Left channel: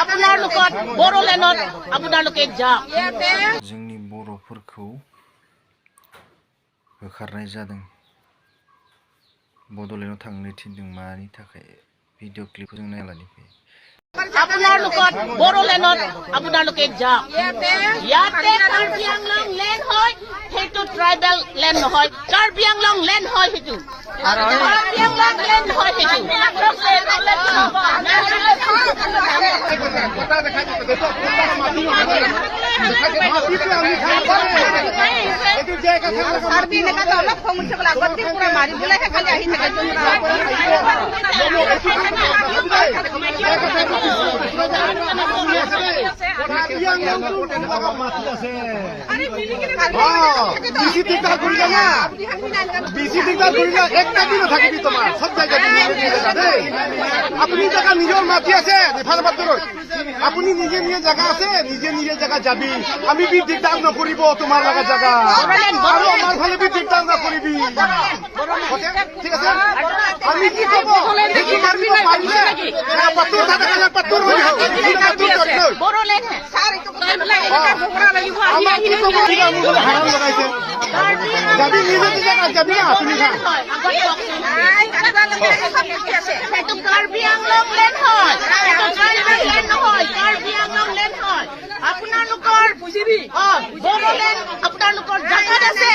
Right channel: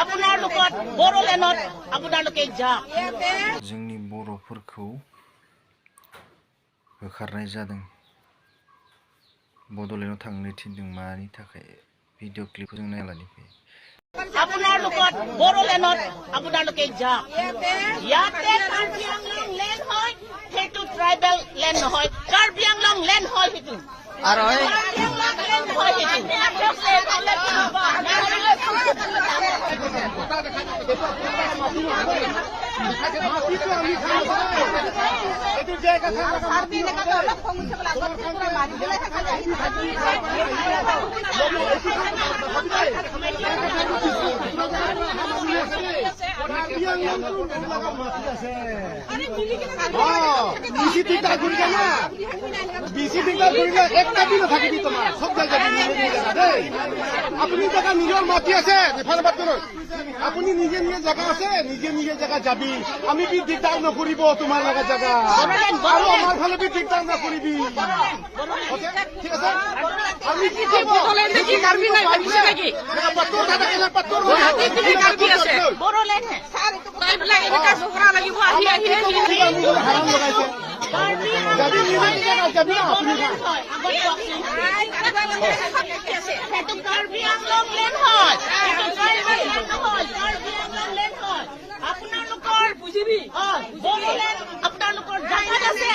আপোনালোকৰ বড়োলেণ্ডত আপোনালোকে যাওক जोंनि बर'फोरखौ होखारनाय जादों बड'लेण्डआव थांनो थिनदों मानि थाखाय भिडिअ क्लिपखौ जों नायनानै फैयो আপোনালোকৰ বড়োলেণ্ডত আপোনালোকে যাওক ইয়াতে কাৰ্বি আংলং লেণ্ড হয় সেইটো ট্ৰাইবেল লেণ্ড নহয় কাৰ্বি আংলং লেণ্ড হয় সেইটো কাৰ্বি আংলং লেণ্ড হয় সেইটো আপুনি জেগা নিজৰ মাটি আছে আপুনি নিজে নিজে জেগা আছে নিজে নিজে জেগা যাবি আমি বি দিগদাৰ নকৰিব তোমাৰ লগা জেগা আৰু আমাৰ ফালে বি দিগদাৰ নকৰিবি ঠিক আছে আমি কি কব সেইটো মানিব পাৰিলে পাত্তৰ থাকে পাত্তৰ হৈ আমাক কি কব হাৰাম লগাইছে যাবি নিজে নিজে যাবি আপুনি কাৰ্বি আংলং লেণ্ড হয় ট্ৰাইবেল লেণ্ড নহয় কাৰ্বি আংলং লেণ্ড হয় আপোনালোকৰ বড়োলেণ্ড আপোনালোকৰ জাগাত আছে